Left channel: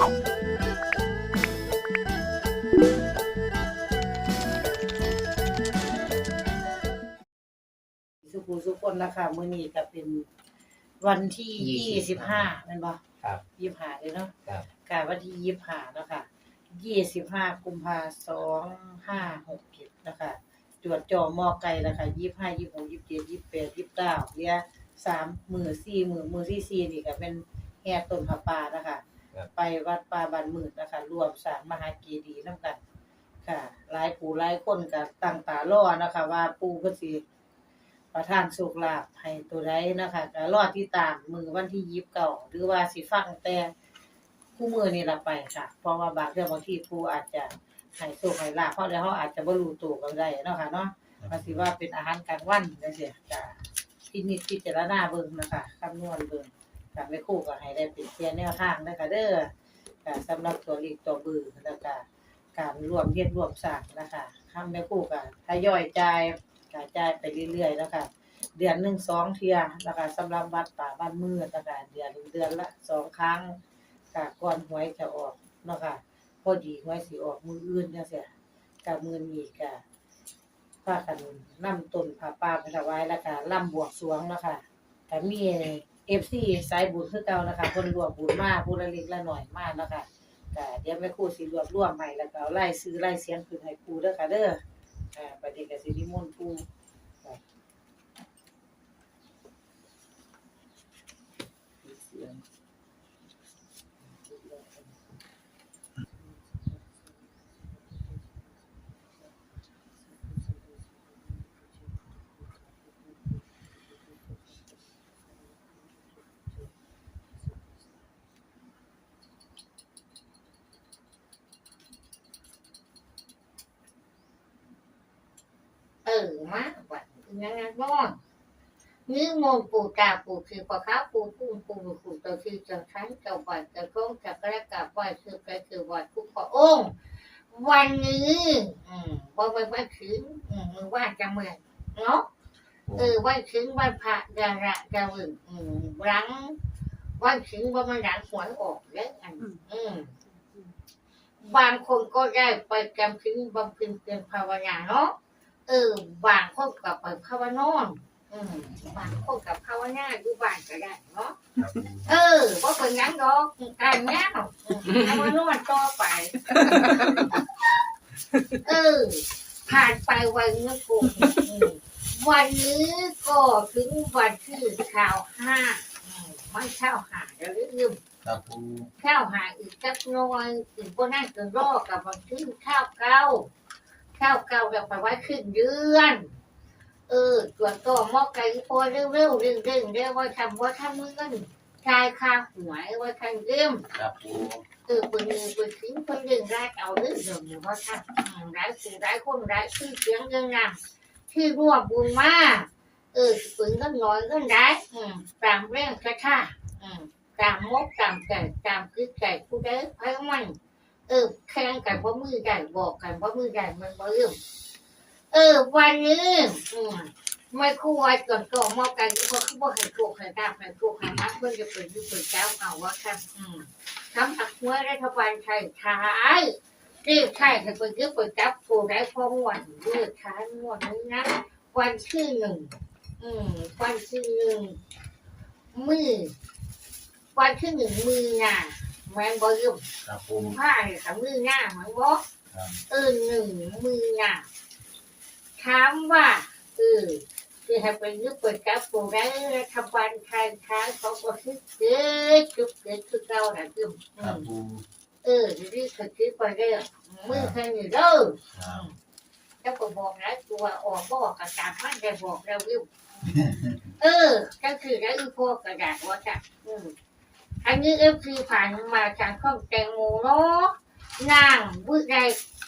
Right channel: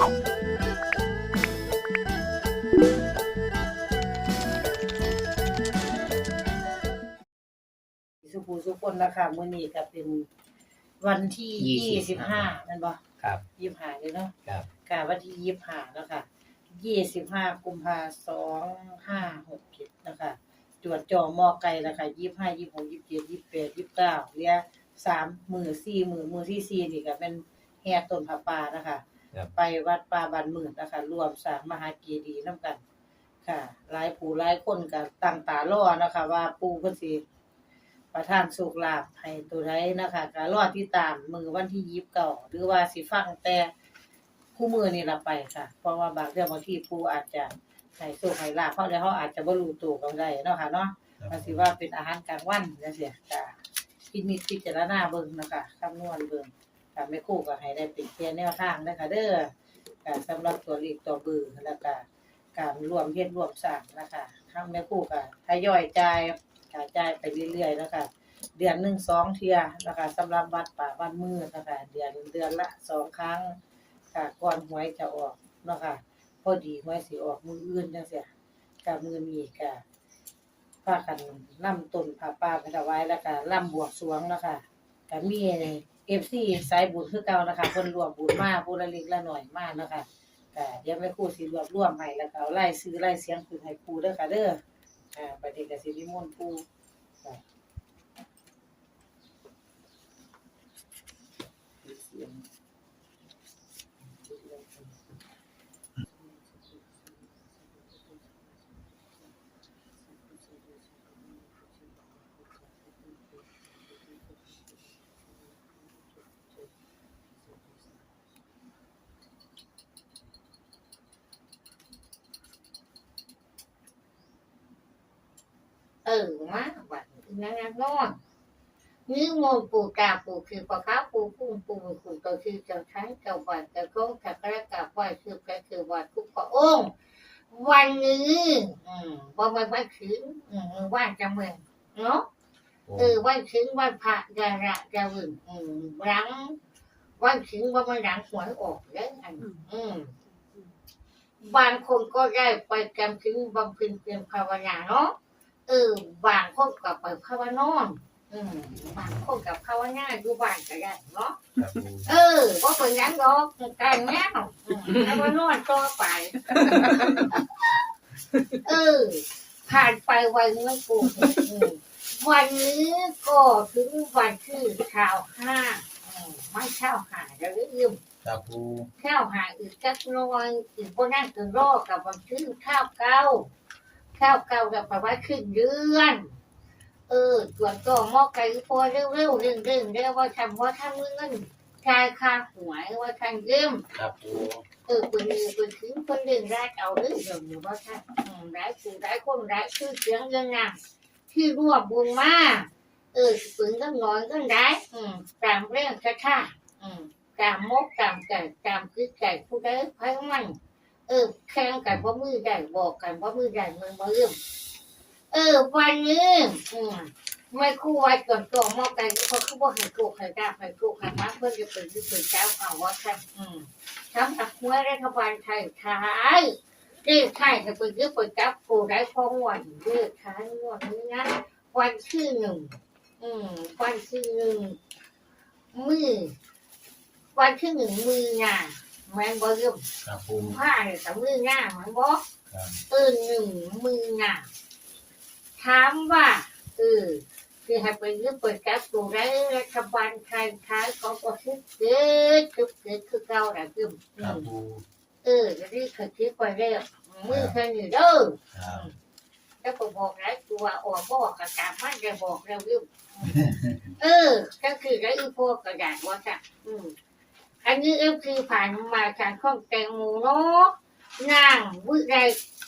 สุภูสุคนนะคะมื้อนี้ก็เป็นวันที่ยี่สิบห้าแม่นบ่ครับ ยี่สิบห้าเลยเนาะครับ กะวันที่ยี่สิบห้าเนาะค่ะยี่สิบห้ากุมภาสองห้าหกเจ็ดนะคะตรวจจอมอไก่นะคะยี่สิบห้ายี่สิบหกยี่สิบเจ็ดยี่สิบแปดยี่สิบเก้าเหลือสามมือสี่มือมือที่สี่นี่ก็เป็นแห่ต้นผาป่านะคะ ครับ ไปวัดป่าบ้านหมื่นนะคะรวมสร้างมหาเจดีย์นํกัน ค่ะ หลายผู้หลายคนก็ตั้งตารอนะคะ ว่าปู่เพิ่นสิประทานสุขลาภให้ตัวใดนะคะก็รอติดตามมือวันที่ยีิบเก่าหรือว่าสิฟังแต่คู่มือนี่ละไปค่ะ เพราะว่าบางเรื่องบางทีปู่อาจจะให้สุขให้ลาภเพราะแล้วเขาอาจจะบ่รู้ตัวก็ได้เนาะค่ะเนาะมันสิว่าเป็นอาหารกลางวันจังซี่ก็พินิจพิจารณาเบิ่งนะคะคำนวณเบิ่ง ก็ไม่คู่ก็ให้ได้เป็นเพียงแนวทางนะคะเด้อก็สำหรับตัวเลขตัวบือแล้วก็การรวมเฮ็ดรวมสร้างนะคะทำแม่คู่ก็ทยอยจ่ายกระจายไปเรื่อยๆนะคะเดือนหนึ่งสองเที่ยนะคะสำหรับวัดป่าบ้านมืดนะคะเดือนเดือนละสองครั้งค่ะก่อนหวยจะออกนะคะพอดีหวยสิออกมืออื่นจังซี่กับมือนี้ก็พากันนำต้นผ้าป่าไปถวายแล้วก็ล่ำบวงสวงนะคะก็มีเอฟซีสายบุญคือเก่านะคะคนรวมบุญมากผู้ละเล็กละหน่อยมากนะคะก็เดี๋ยวแม่ครูสิรวบรวมใหม่แล้วก็เอาไล่ซื้อไล่เสียงคืนให้ครูเด้อค่ะเด้ออ่าประเด็นก็สิริมนต์ครู เออมาวันนั้นนะนอนนี่มนต์ปู่ตาปู่คือปะค้าปู่พุ่งปู่ปู่ตัวคือจะใช้จะวัดจะก้องจะกระกับไหวคือไปคือวัดทุกพระองค์วันนี้อืมวันวันวันคืนอืมวันจะเมืองเนาะเออวันคืนวันพระจะระจะวึงอืมหลังวันคืนวันมันหลังหวยออกแล้วอันอืมบางคนก็ได้ไปจำคืนบำเพ็ญเป็นภาวนาเนาะ เออบางคนกับไปภาวนอนอืมบางคนกับภาวนาอยู่บ้านก็ได้เนาะครับปูเออว่าเป็นหยังดอกการแง่ภาวนอนต่อไป เออ ผ่านไปวันเมื่อกูอืมวันนี้ก็ถึงวันที่ข่าวห้าอืมไม่ข้าวหาแล้วลืม ครับปูข้าวหาอีกจักหน้อยอีกพวกนั่นก็รอกับวันที่ข้าวเก้า ข้าวเก่าแบบไปไว้ครึ่งเดือน เออส่วนก็หมอไก่พอเร็วๆเร่งเร่งๆเรียกว่าทำว่าทำมือเงินชายคาหวยว่าทางเยี่ยมครับปูเออปืนปืนทิ้งปืนเร่งได้เอาเรื่องเดิมอยู่ว่าท่านอืมได้ผู้ได้คนได้ชื่อเสียงเรื่องงามที่รวบบุญมาเออปืนก็น้อยก็ได้อืมตามเรื่องกระท่าอืมตามมกตามไก่ตามคือไก่ผู้ได้ไพ่มัน เออแข่งกันว่ามือใหญ่บอกกันว่ามือใหญ่มันมาเริ่มเออ วันนี้อืมไม่คู่ไว้ก่อนก่อนมอกันเพราะเขาบอกให้โกให้ดาให้โกให้มัดเพื่อจะเป็นที่เป็นเจ้าเอาว่าครับอืมทำอักหัวรัฐบาลไทยท้ายเรียกไทยจะเป็นที่เป็นจับกูได้พอวันเรียกท้ายงวดนี้นะวันที่หนึ่งอืม วันที่หนึ่งมือวันที่หนึ่งมือหนา แมงบอเริ่มครับปูกุมผ้าเนี่ยกับมือหน้าเหมือนบอกครับเออหนึ่งมือหน้าถามว่าเออคือให้ไปยึดเปิดกับกลุ่มได้รัฐบาลไทยท้ายเขาก็คิดเกิดคิดเกิดคือเก่าแหละคือครับปูเออจะรีบคิดไปเรื่อยมือแค่นี้เด้อครับแล้วก็บอกหลายตัวออกบอกกระจามันจะบอกเราเรื่องเออก็คือได้อีพวกกระดาษว่าจ้ะอืม อันนี้เอฟคือผ่านมาจากข้องแตงโมเนาะนางวิไล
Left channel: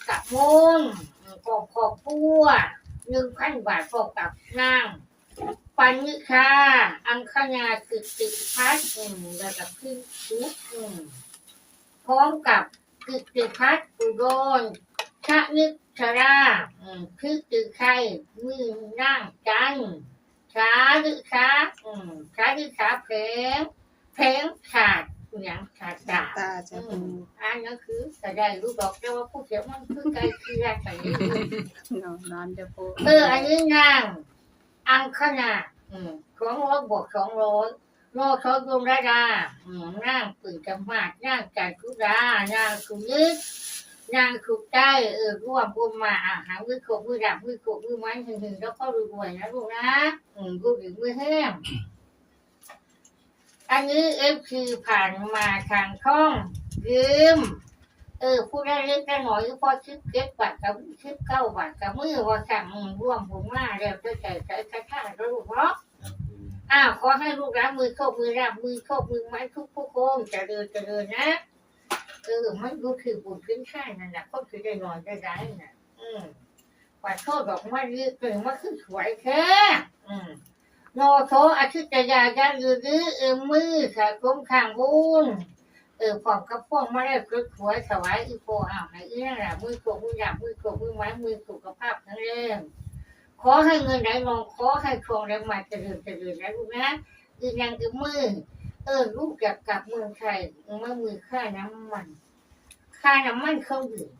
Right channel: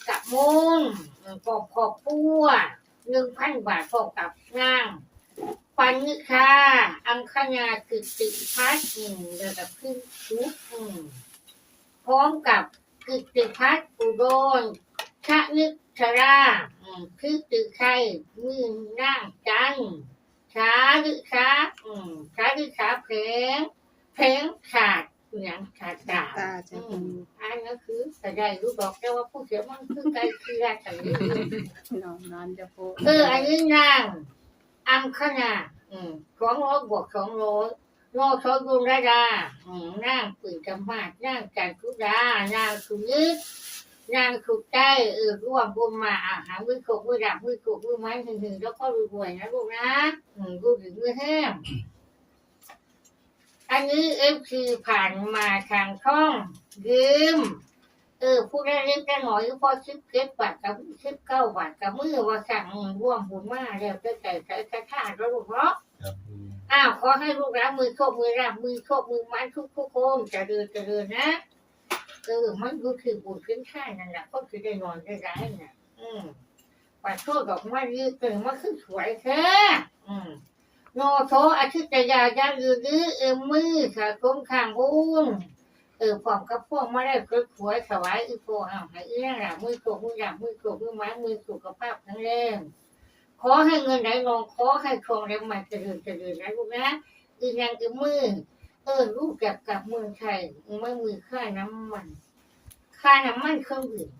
กับมุงกอบขอบปัวหนึ่งพันบาทพอกับนางปันนิคาอังคณาคือติพัฒน์อืมแล้วกับขึ้นชุดอืมพร้อมกับกิติพัฒน์อุดรชะนิชราอืมคือตือไข่มือนั่งจันช้าหรือช้าช้าหรือช้าเพลง เพลงขาดอย่างขาดดาบตาจ้าอืปูมอันนั้นคือแต่ได้รู้บอกแต่ว่าผู้เสียมันคือไกลเคียงกันนี่นอนนอนจ้าปูเอออันนี้นางอังคณาอืมสองร้อยบวกสองร้อยโนชอดุลระดาอืมนางปืนจำมากนางจันทุดานางสุนึกนางสุดใจเออร่วมบุญมาอาหารมือโขกมือดับมือโขกมือไม้หึงหึงแล้วก็รวยๆนะลูกนะอืมรูปถึงมือแห้ง อันนี้เอฟคือผ่านมาทางช่องยืมเออผู้ได้เล็กได้หน่อยพอชิปเก็บบาทกับชิปเก้าบาทกับมือว่าสั่งร่วมบุญมาแล้วจะใจใจกระชากแล้วลูกเนาะครับปูอ้าวขอให้ลูกรักมือโชคมือรับมือโชคมือไม้ทุกทุกๆคนเจะเดินจะเดินนะเออมันก็คือบุญขึ้นข้างนั่นแหละก็คือได้นอนได้ร้ายน่ะ อืมปัดโทษดอกไม้ยืดเกินมาขึ้นสวยแค่อืม โนโทอาทิตยายาลือลือเออมือค่ะกลมข้างบุญเออพร้อมกับพวกมาได้กดหัวถวายอีโปอ้าวให้อีนั่นแหละมือโกมือหยาบมือโกมือไม้มือสุขภาพแข็งแรงขอให้เงินไหลลงขอให้ทองไหลมาเจริญเจริญนะลูกนะอีนางอีมือ เออลูกอยากกลับเมืองไทยเมื่อมือค่าน้ำมัน ค่าน้ำมันเครื่องดื่ม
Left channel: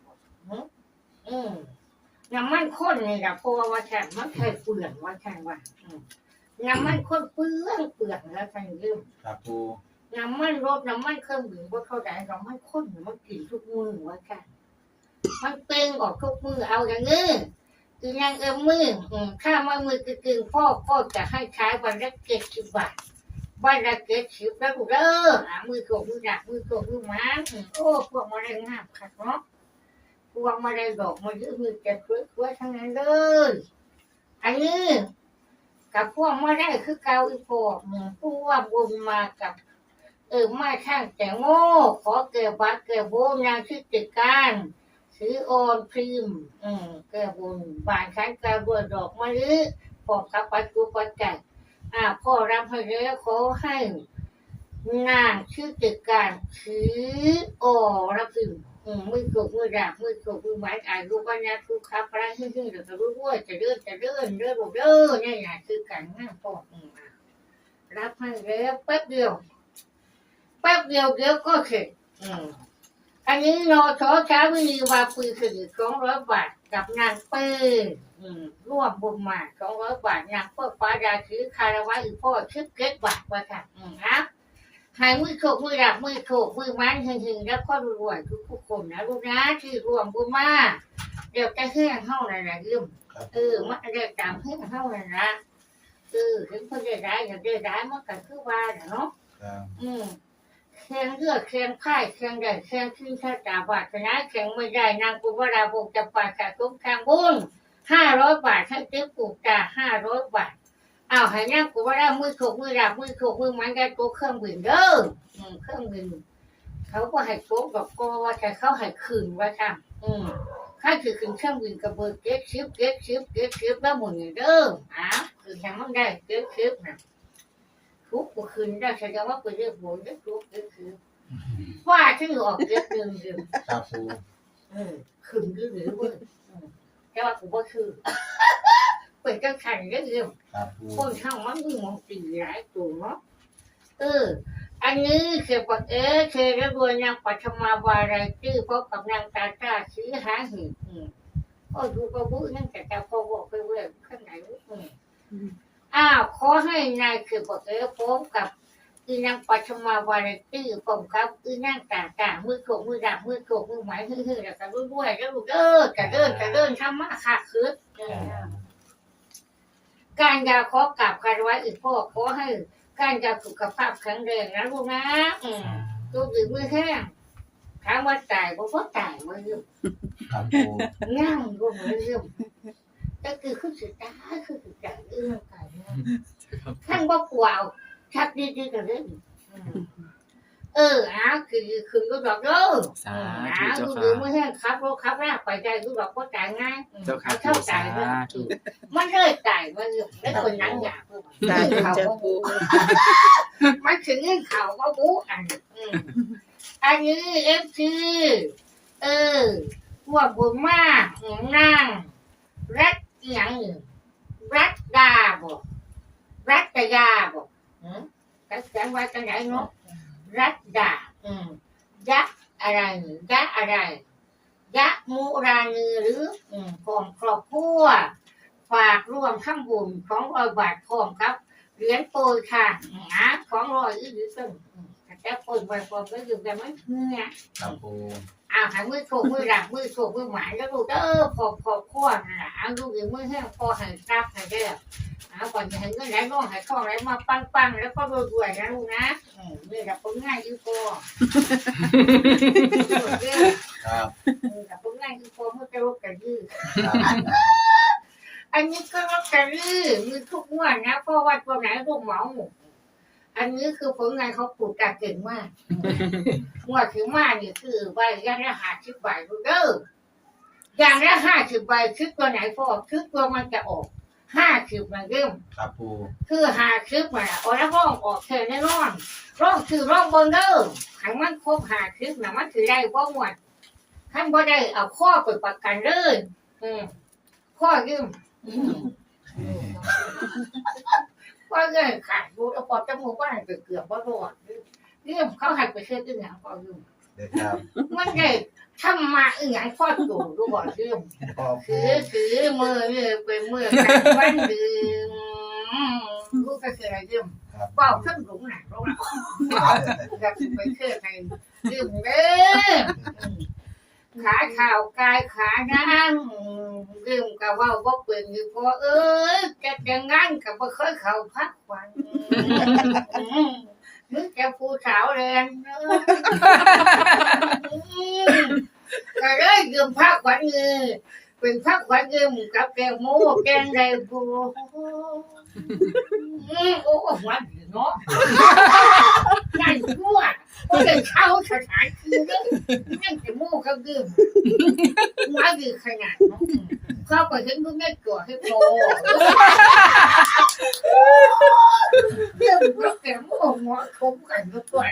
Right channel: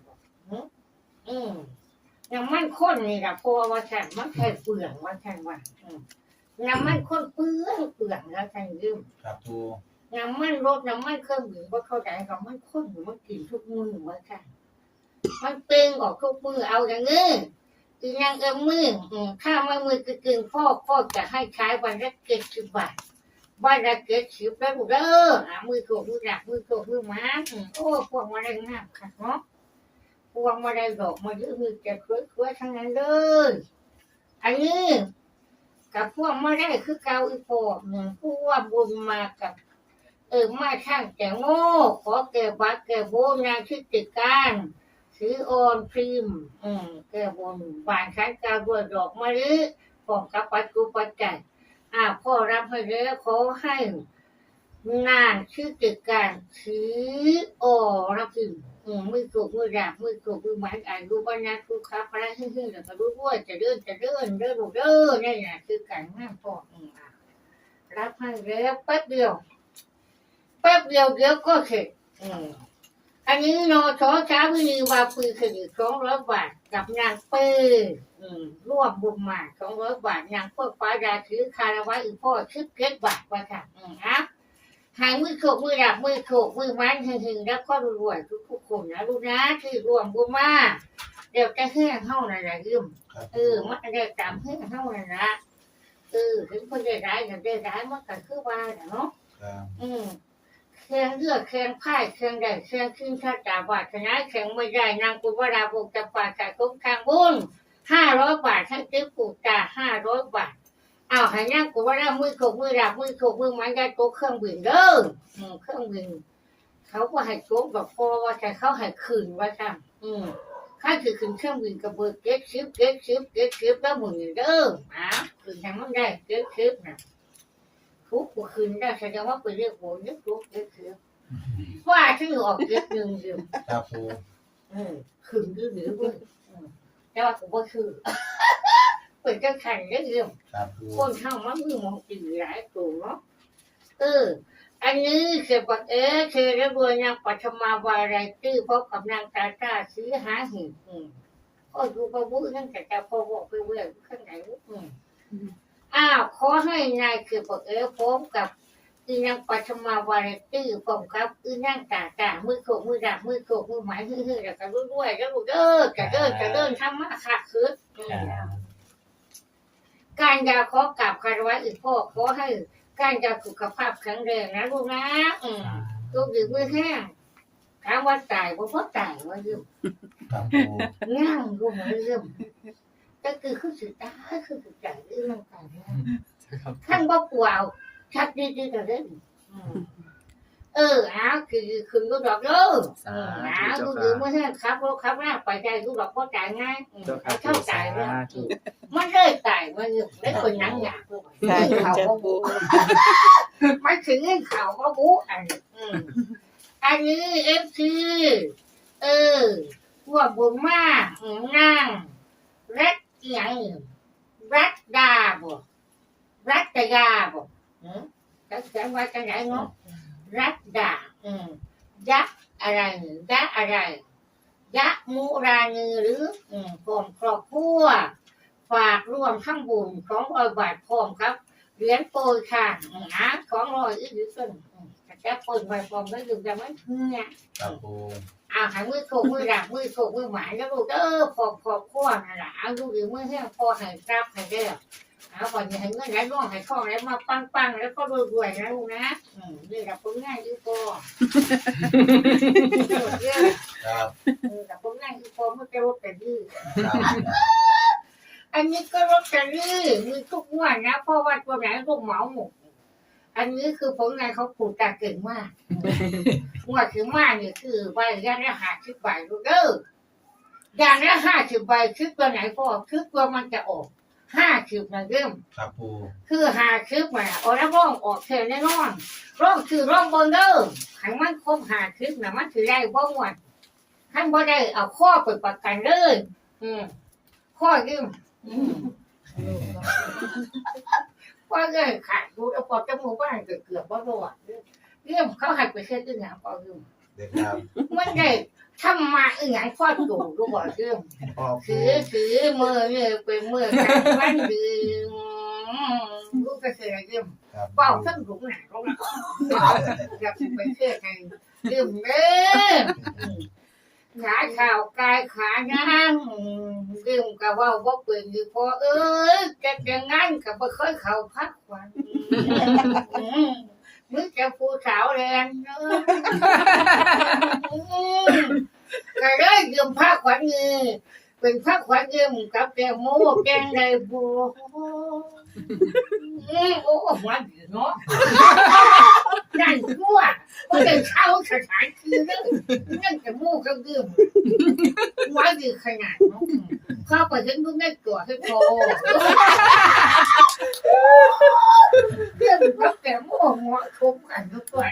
อืมน้ำมันข้นนี่แหละเพราะว่าว่าแทนมันแค่เปลืองว่าแทนว่าอืม น้ำมันข้นเปลืองเปลืองแล้วแทนยืมครับปูน้ำมันรถน้ำมันเครื่องบินว่าเข้าใจน้ำมันข้นมันกินทุกมือว่าค่ะมันเป่งออกทุกมือเอาอย่างนี้อีนางเอ็มมืออืมถ้ามามือกึ่งๆพ่อพ่อจะให้ใช้วันละเจ็ดสิบบาทวันละเจ็ดสิบแล้วกูเด้ออะมือโกมือหนักมือโกมือหมาอืมโอ้พวกมาได้งามค่ะเนาะพวกมาได้ดอกมาเยอะมือจะสวยๆทั้งนั้นเลยอันนี้ กับพวกมาได้คือเกาอีโปอืมพวกบุญมากับ เออมาช่างแต่โง่ ขอแก่บัตรแก่โบนางชื่อติดการซื้อโอนพิมอืมแก่บนบานชั้นกาบวดอกมะลิของกับปัจจุปัจจัยอ่าพ่อรับให้แล้วขอให้นางชื่อติดการถือโอรับพิมพ์ มือถูกมือดาบมือถูกมือไม้อายุปัญญาทุกขับพระฮึ่งๆแล้วก็รู้ว่าจะเดินจะเดินเดินเดินนี่นะคือการงานพ่ออืมอะรับให้แล้วแป๊บเดียวแป๊บเดียวเดี๋ยวก็เสร็จอืมอันนี้นอชอช้าวิรีวาปืนคดีสองร้อยบาทกับนางปืนอืมร่วมบุญมาสองร้อยบาทนางพวกฟ้าดาถือคาราวะอีพ่อชิบเก็ตบาทว่าค่ะอืมอะ หายมือโขกมือดับมือโขกมือไม้หึงๆแล้วก็รวยๆทุกๆคนนะลูกนะที่รวมบุญมาเดี๋ยวจะเฮื่องเฮ้านั่นแหละยืมครับเออมันได้ตามเฮื่องเฮ้านั่นนะเออถึงคนได้ร้ายก็ได้ร้ายมันก็คือว่าน่ะเนาะครับอืมเครื่องเลือกเครื่องพ่ายเครื่องใดเครื่องขึ้นชาตาบาทชนะเครื่องไม่ได้นางกุบราบกจะปาขาคุ้มทางบุญห้าร้อยบาทให้เจ๊ปูตาห้าร้อยบาทเอาให้นางกุบรามือถูกมือดับมือถูกมือมันได้ตัวเครื่องบินเด้ออืมเครื่องบินเขาก็ให้โชคแบบโกว่าแต่เขาให้คืนว่าค่ะอืมข้าคือคืนเครื่องบินกับเบอร์เก็ตชิปเก็ตชิปเก็ตชิปแล้วหมุนเด้ออะคืนทางมันได้เก็ตชิปนะทุกข์ก็คืนได้แสดงว่าไปเรียกโบนเรียกทุกข์เรียกคือว่าที่ออกเรียกหนึ่งเดียวครับปูเออคืนหรือหรือเว้ยอืมแต่ว่ากูบ่คือ เป็นจังขันเรียกเดียวครับปูคนเท่ามันมีมองตีหลายตัวเนาะเออ อันนี้เกี่ยวกับเออเคยเรียกว่านางปัทมาวาไรตี้พบกับนางตาตาซื้อหาหินอืมก็ดูประบุนั่นแต่จะพอบอกไปเว้ยข้างไหนอืมอ้าวขอให้นายคือบอกเออพบกับอีนางปัชมาวาไรตี้ผมครับอีนางตาตามือโขกมือดับมือโขกมือหมายฮือๆแล้วก็รู้ด้วยแล้วลูกเออจะเดินจะเดินทำมาค่ะคืออืม การยาขอกลับคารวะอีกพ่อขอให้การยาสุขภาพแข็งแรงนะลูกนะอืมลูกดื่มมือแห้งถามว่าตายบ่พอตายว่าอยู่ครับปูง่างลูกมันอยู่ก็คือคือสิตายคือสิตายเรื่องตายนะข้างบ่กวาวชักดีดีกันเลยอืม เอออ้าวคือคือก็ดอกเด้อสาอืมธุอ้าวเจ้าดูค่ะดูไม่ใช่ขับรถขับหน้าไปได้ดูดอกก็จ่ายง่ายอืมเจ้าค่ะเอาเท่าจ่ายเลยสาธุมันเลยจ่ายมันอยู่ไม่คนหนังหยาบเพิ่มสาธุเขาจ้าก็ปูมันถึงเงินเขาก็บู๊อันอืมอันนี้เอฟซีเออพวกบุญมากอืมนั่งรัดอหย่างอื่นรัดดาบ่รัดตยาบ่อืมรัดแสงไว้กันไหนเนาะ รัดดาอืมยะอะไรยะอะไรยะมุรานีหรืออืมพร้อมครอบครัวฝากร่วมข้างบุญของรอยบาทพร้อมครับเหรียญโปรยค่ะนะของรอยอีกหรือซึ่งแต่แค่โปรยไปพร้อมก็อยู่แต่ไม่เพื่อครับผม อ้าวหามือโถมือหลังมือโถมือหมายแล้วลูกเออพอพอพ่อนั่นแหละเอาลูกอยู่มือแห้งพอให้รับให้ได้เอาก่อนอย่าให้เงินไหลร่องให้ข้องไหลมาปังปังๆแล้วก็รวยๆนะลูกนะอืมนี่แหละผลงานอยู่พอเรื่องครับนี่แหละผลงานอยู่พอมันจะรบกันยืดครับอันนี้ก็รบกันยืดมือทุกงวดนะเพราะว่าตัวไหนลูกเหมาหมด อันนี้คือผลงานเขาปลูกกาเก่งมากงวดถึงมาเนี่ยคือใบยังละห้าสิบใบรู้เด้ออย่างละห้าสิบใบคือตัวไหนพอคือตัวมันจะออกห้าสิบมันเริ่มครับปูคือห้าสิบมันออกแล้วร่องออกเทแน่นอนร่องคือร่องบนเด้อขันมันครบห้าสิบนะมันถือได้บ่หมดขันบ่ได้เอาข้อเปิดประกันเลยอืมข้อยืมอืม ข้อเงินขาดดูแล้วพอจมูกก็หันเกือบเกือบบ่รอดเรื่องเขาให้ไปเช็ดอีกอย่างพอยืมเด็กครับมันได้ทำมาอีหยังพอดูดูบ่เรื่องพ่อปูคือคือมือเนี่ยเป็นมือกันวันดื่มลูกก็เคยดื่มครับเป่าทั้งหลุมหนักลงอยากไปเคยใครดื่มเด้อ ขาข่าวกายขานั่งดื่มกับว่าว่าเปลี่ยนอยู่พอเอ้ยจะจะงั้นกับบ่เคยเข้าพักวันมึงจะผู้สาวแรงเนอะก็เลยยืมผ้าขวัญเงินเป็นผ้าขวัญเงินกับแกงหมูแกงไก่บัว อืมโอ้หัวดีเนาะนั่นทั่วก็เลยเข้าสถานคือเรื่องนั่นจะมูกเขายืมหัวดีขนาดเนาะเข้าไปถึงก็ไม่กลัวให้พอเรื่องกับแกงหมูหัวคุ้มกันทุกตัว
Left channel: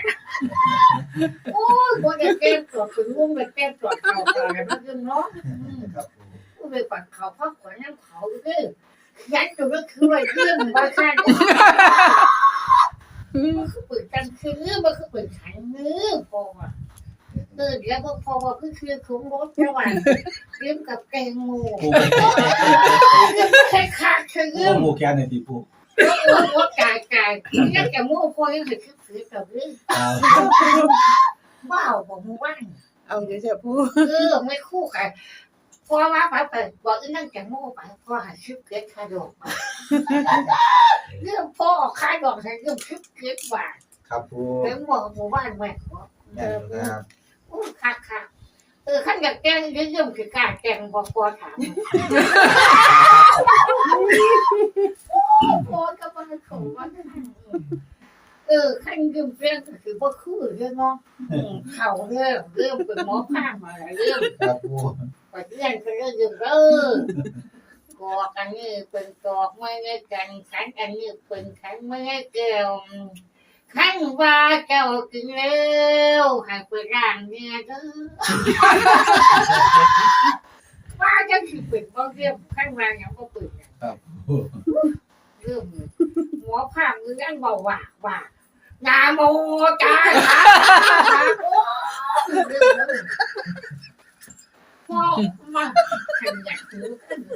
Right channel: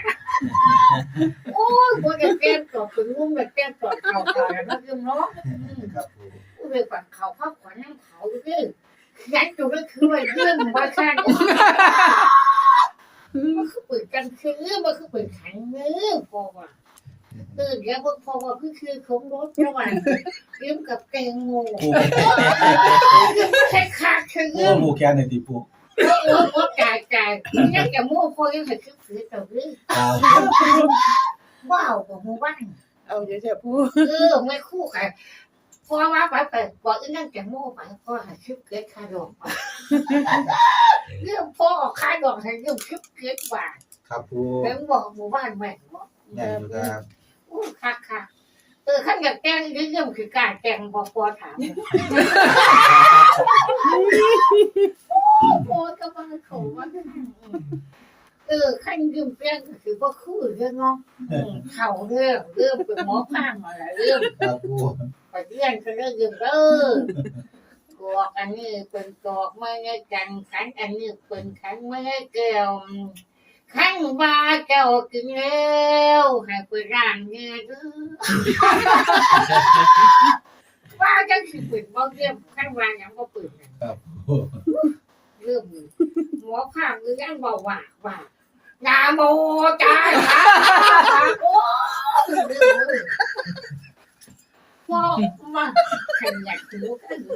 โอ้ยบ่ได้แก้ตรวจถึงมุมได้แก้ตรวจเข่าตาแล้วยืมเนาะครับปูผู้ไปกว่าเขาพักกว่าน้ำเขาดื้อ ยันตัวก็คือว่ายืมบ่คันมันคือเปิดกันคือมันคือเปิดขันมือพอว่ะเออเดี๋ยวพอพอว่าคือคือคงรถระหว่างยืมกับแกงโง่ปูแค่ขาดคือปูยืมปูแกนหนึ่งตีปูโอ้โหโอ้กายกายยังจะโม่พอยังให้คือคือต่อดื้อครับว้าวบ่มูว่างเอาเดี๋ยวจะพูดเออไม่คู่กัน พอมาไปไปบอกอีนั่งแกโม่ไปพ่อหาชิปเก็ตคาดอกเรื่องพ่อออกคาดอกให้เรื่องชิปเก็ตบาทครับปูแล้วบอกหมู่บ้านแม่บอกแน่อครับอู้คักคักเออขั้นอยากแกล้งเรื่องคือการแกล้งบอกพ่อถามพอก็มาเขาว่าเออขั้นยืมแกล้งก็คือว่าคือเรื่องเนาะเขาเรื่องเรื่องเป็นหมอพานมาหลายเรื่อง ครับปูไปเรียนก็เรื่องยืมเออกอกอันนี้เป็นกอกไม่ได้กันขันอันนี้เป็นขันไม่ได้เกลียวขันว่าเจ้ากินแล้วให้ไปร่างเนี่ยเด้อว่าเจ้าสิเปิดบ่เรียบขันว่าหยังบ่เปิดน่ะครับปูเรื่องหมอภาคเรื่องเบาว่าว่านาโมจาโอ้ เรื่องเลยพ่อมาขันอยากรู้กันโ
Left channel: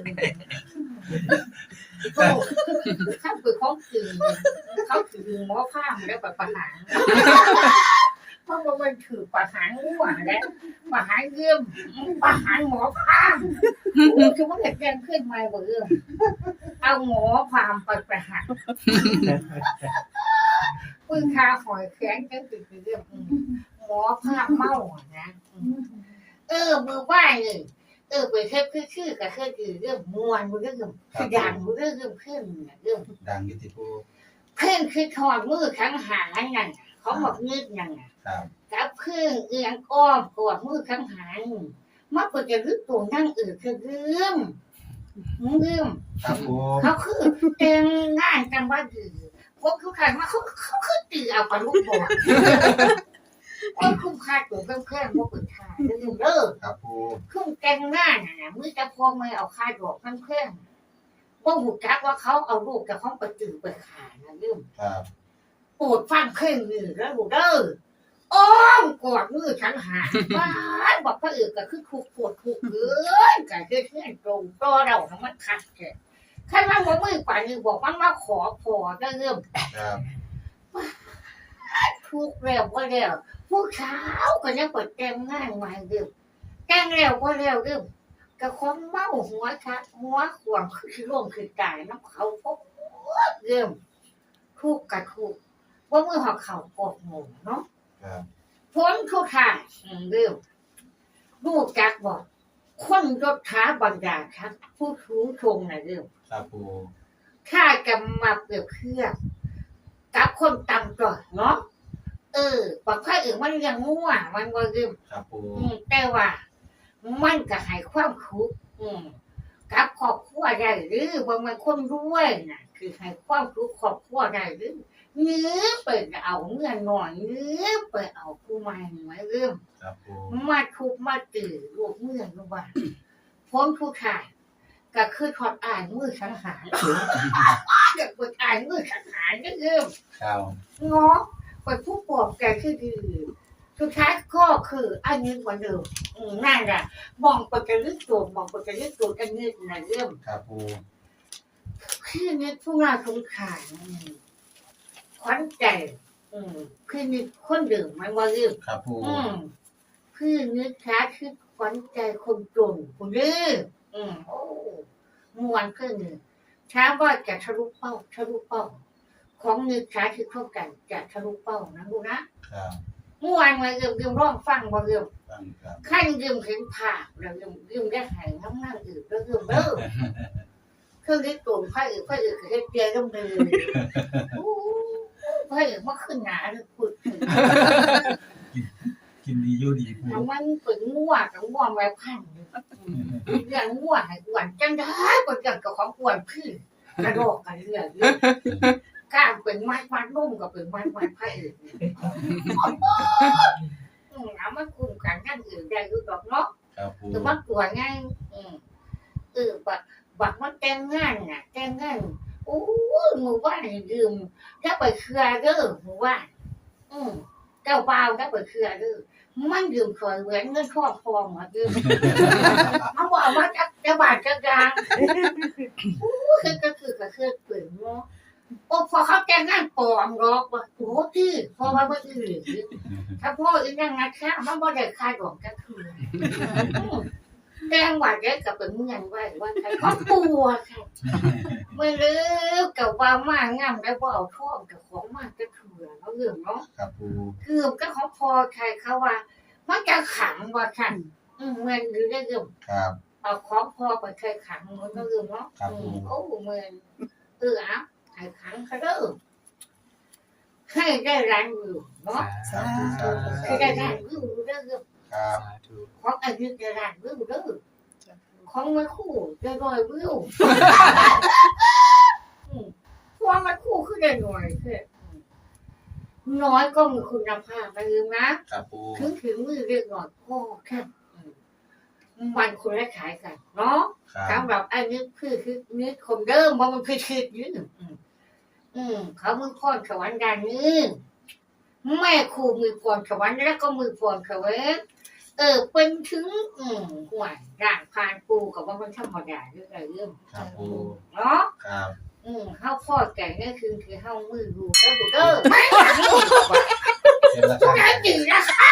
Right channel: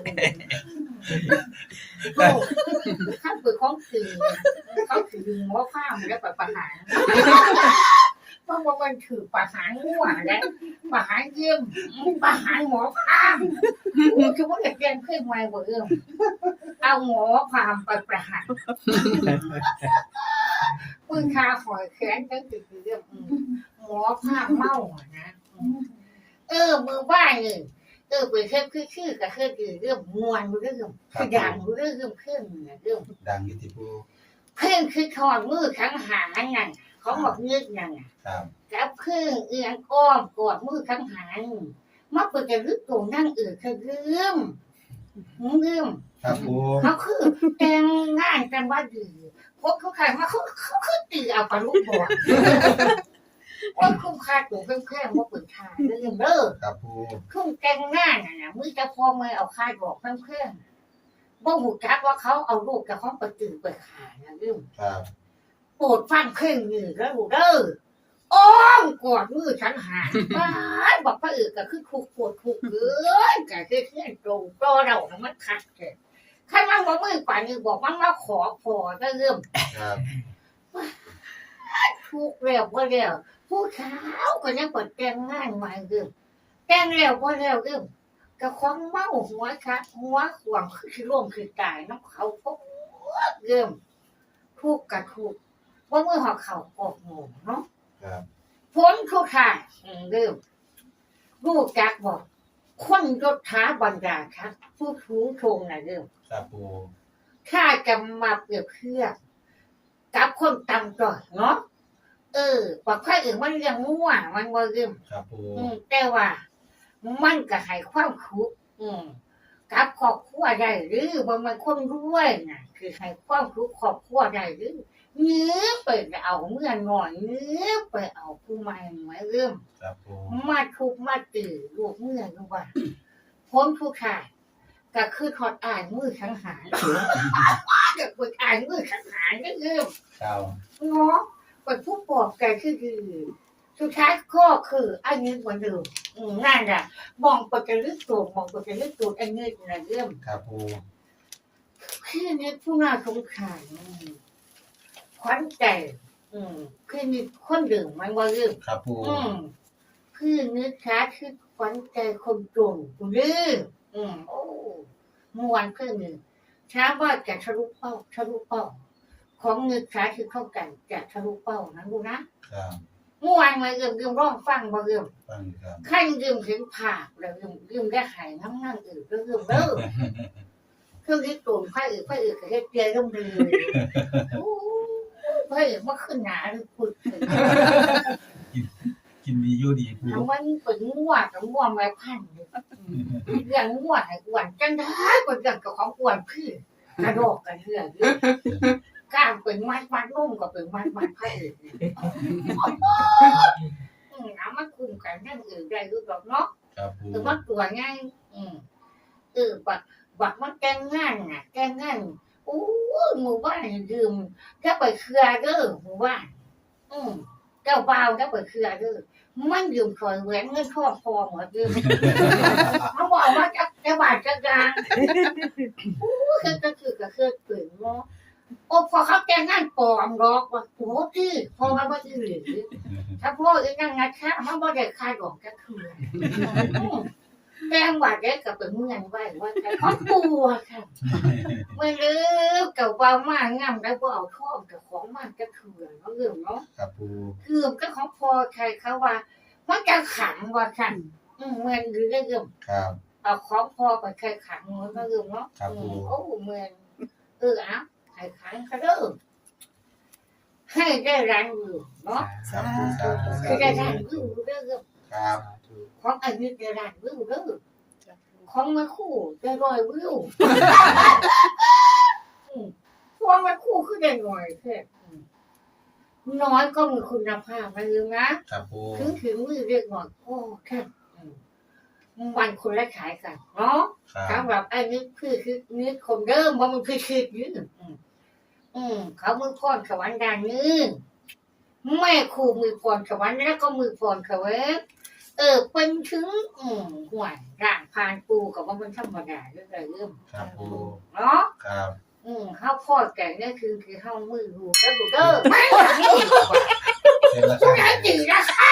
อ้ข้าเปิดของถือเขาถือหมอข้ามแล้วไปประหารเพราะว่ามันถือประหารหัวและประหารเยี่ยมประหารหมอข้ามคือว่าเด็กแกงเพื่อนไม่เรื่อเอาหมอพามไปประหารปืนคาหอยแขนก็คือเรื่องหมอพามเมานะ เออมือไหว้เลยเออไปแค่คือคือกับคือคือเรื่องมวนเรื่องคือดังเรื่องเรื่องเพื่อนเรื่องดังอยี่ติปูเพื่อนคือถอดมือทั้งหางนั่นเขาบอกเงือกนั่นครับกับเพื่อนเอียงอ้อมกอดมือทั้งหางมักจะรึกตัวนั่งเออคือเรื่องเรื่องครับปูเขาคือแต่งงานกันว่าดีพวกเขาขายมาเขาเขาคือตีเอาปลาลูกบอล ว่าคุ้มค่าตัวเพิ่มแค่ว่าเปิดทางเรื่องเด้อครับปูเครื่องแกงหน้าน่ะนะมือจะพอมาเอาค่ายดอกทั้งเครื่องบ่หูจักว่าเขาเอาลูกกับเขาไปจือไปขานะลืมครับโปรดฟังเครื่องนี่แล้วหูเด้ออ้อมกอดมือฉันหายบ้านบอกพระเอกก็คือถูกปวดถูกเกินก็คือเพื่อนตรงตัวเราของมันขัดเกินใครมันบอกมือป่านนี้บอกมันว่าขอพอจะเริ่มครับ ทุกข์แล้วก็แล้วผู้เช้าก็ยังเปิดแกงง่ายมาเริ่มแกงแล้วก็แล้วเริ่มกับความเมาหัวค่ะหัวขวางคือร่วมคือตายน้ำเขาพบเริ่มทุกข์กับทุกข์ว่าเมื่อหอเขากอกหมูเนาะครับพ้นทุกทางอืมเริ่มรู้จักบอกคนยศท้าบรรดาครับ ผู้ชูชงนะเริ่มครับปูถ้าจะมาเปรียบเทียบกับคนต่ำก่อนเนาะเออบ อกใครอื่นมันยังง่วมันว่าเริ่มครับปูอืมแต่ว่า มันก็ให้ความคุกอืมกับครอบครัวได้หรือบางมันคนรวยน่ะ คือให้ความคุกครอบครัวได้หรือเนื้อไปเอาเมื่อหน่อยเนื้อไปเอาผู้ใหม่ไว้เริ่มครับปูมาทุบมาตื่นลูกเมื่อรู้ว่าพ้นผู้ชายก็คือถอดอ่านมือสังหารก็คืออ่านมือสังหารก็เริ่มครับเนาะ เป็นผู้ปอบแกคือคือสุดท้ายก็คืออันนี้เหมือนเดิมอืมนั่นแหละมองไปกระลึกตัวมองไปกระลึกตัวอันนี้นะเริ่มครับปูคือนี่ผู้น่าสงสารอืมขวัญใจอืมคือนี่คนดื่มมันว่าเรื่องครับปูอืมคือนึกช้าคือขวัญใจคนจนคุณดื้ออืมโอ้มวนเพื่อนหนึ่งช้าว่าจะทะลุเป้าทะลุเป้า ของนึกช้าคือเข้ากันจะทะลุเป้านะลูกนะครับเมื่อวานมาเริ่มเริ่มร้องฟังมาเริ่มฟังครับขั้นเริ่มเห็นภาพแล้วเริ่มเริ่มได้หายน้ำนั่งอื่นก็เริ่มเริ่มเครื่องที่ตูนไฟอื่นไฟอื่นก็ได้เจียร่มเลยโอ้ไฟอื่นมาขึ้นหนาเลยพูดถึงกินดีอยู่ดีปูทำมันเป็นง่วกับง่วงแววพันธุ์เรื่องง่วให้อ้วนจังได้กว่าเรื่องกับของอ้วนคือกระโดดกันเรื่องเรื่อง การเป็นมัดมัดนุ่มกับเป็นมัดมัดไผ่อื่นอืมเอามาคุมกันนั่นอื่นได้รู้ดอกเนาะครับปูคือมันตัวง่ายอืมเออบักบักมันแต่งงานน่ะแต่งงานโอ้ยหมู่บ้านนี่ยืมถ้าไปเครือเด้อหมู่บ้านอืมเจ้าบ่าวถ้าไปเครือเด้อมันยืมคอยแหวนเงินทองพอหมดยืมมันบอกว่าจะจะบาดจะกลางโอ้ยคือก็คือก็คือเปลี่ยนเนาะ โอ้พอเขาแต่งงานปลอมหรอกว่าโอ้ที่พอมาบ่อื่นถ้าพ่ออีนั่งงัดข้ามันบ่ได้คายดอกจะคือแกงหวานแกกับเป็นเมืองไว้ว่าใครเขาปัวค่ะไม่ลืมกับว่ามางามได้บ่เอาท่อมกับของมากจะเถื่อนเขาเรื่องเนาะครับปูเกือบก็เขาพอใครเขาว่ามันจะขังว่าค่ะอืมเมืองหรือได้เรื่องครับเอาของพอไปใครขังเหมือนก็เรื่องเนาะครับอืผมมโอ้เมืองเออเอา ใครขังเขาเด้อให้ได้ร้านวิวเนาะสาธุคือได้ร้านวิวเด้อเรื่องครับของอันนี้ได้ร้านวิวเด้อของมาคู่ได้ร้อยวิวอืมพวงมาคู่คือได้หน่อยคืออืมน้อยก็มีคุณภาพนะลืมนะครับปูถึงถึงมือเรียกหน่อยก็แค่อืมมันคนละขายกันเนาะครับสำหรับไอ้นี่คือคือนี่คนเดิมว่ามันคือคือยืน อืมอืม เขามือพรสวรรค์ด้านนี้แม่ครูมือพรสวรรค์แล้วก็มือพรเขาเว้ยเออ เป็นถึง อืมห่วยร่างพานปูกับว่ามันธรรมดาเรื่องอะไรเรื่องครับปูเนาะครับอืมเฮาพ่อแก่เนี่ยคือคือเฮามือดูแล้วดูเด้อไม่หลังมือดูว่าเสร็จแล้วคผู้รับใดดีละค่ะ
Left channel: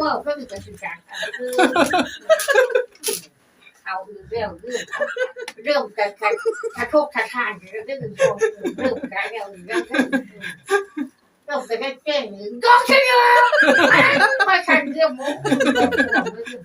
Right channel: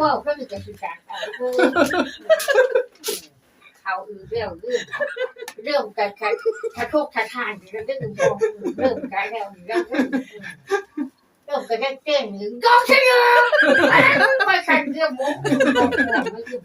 ว่าก็มีการสื่อสารอะไรคือ เขาเรื่องเรื่องเรื่องกันการกระโชกกระทานเรื่องเรื่องของเรื่องกันแล้วเรื่องเรื่องเรื่องการได้เต้นหรือก็ใช่เนาะไม่ทันเรื่องมุกไม่ถึง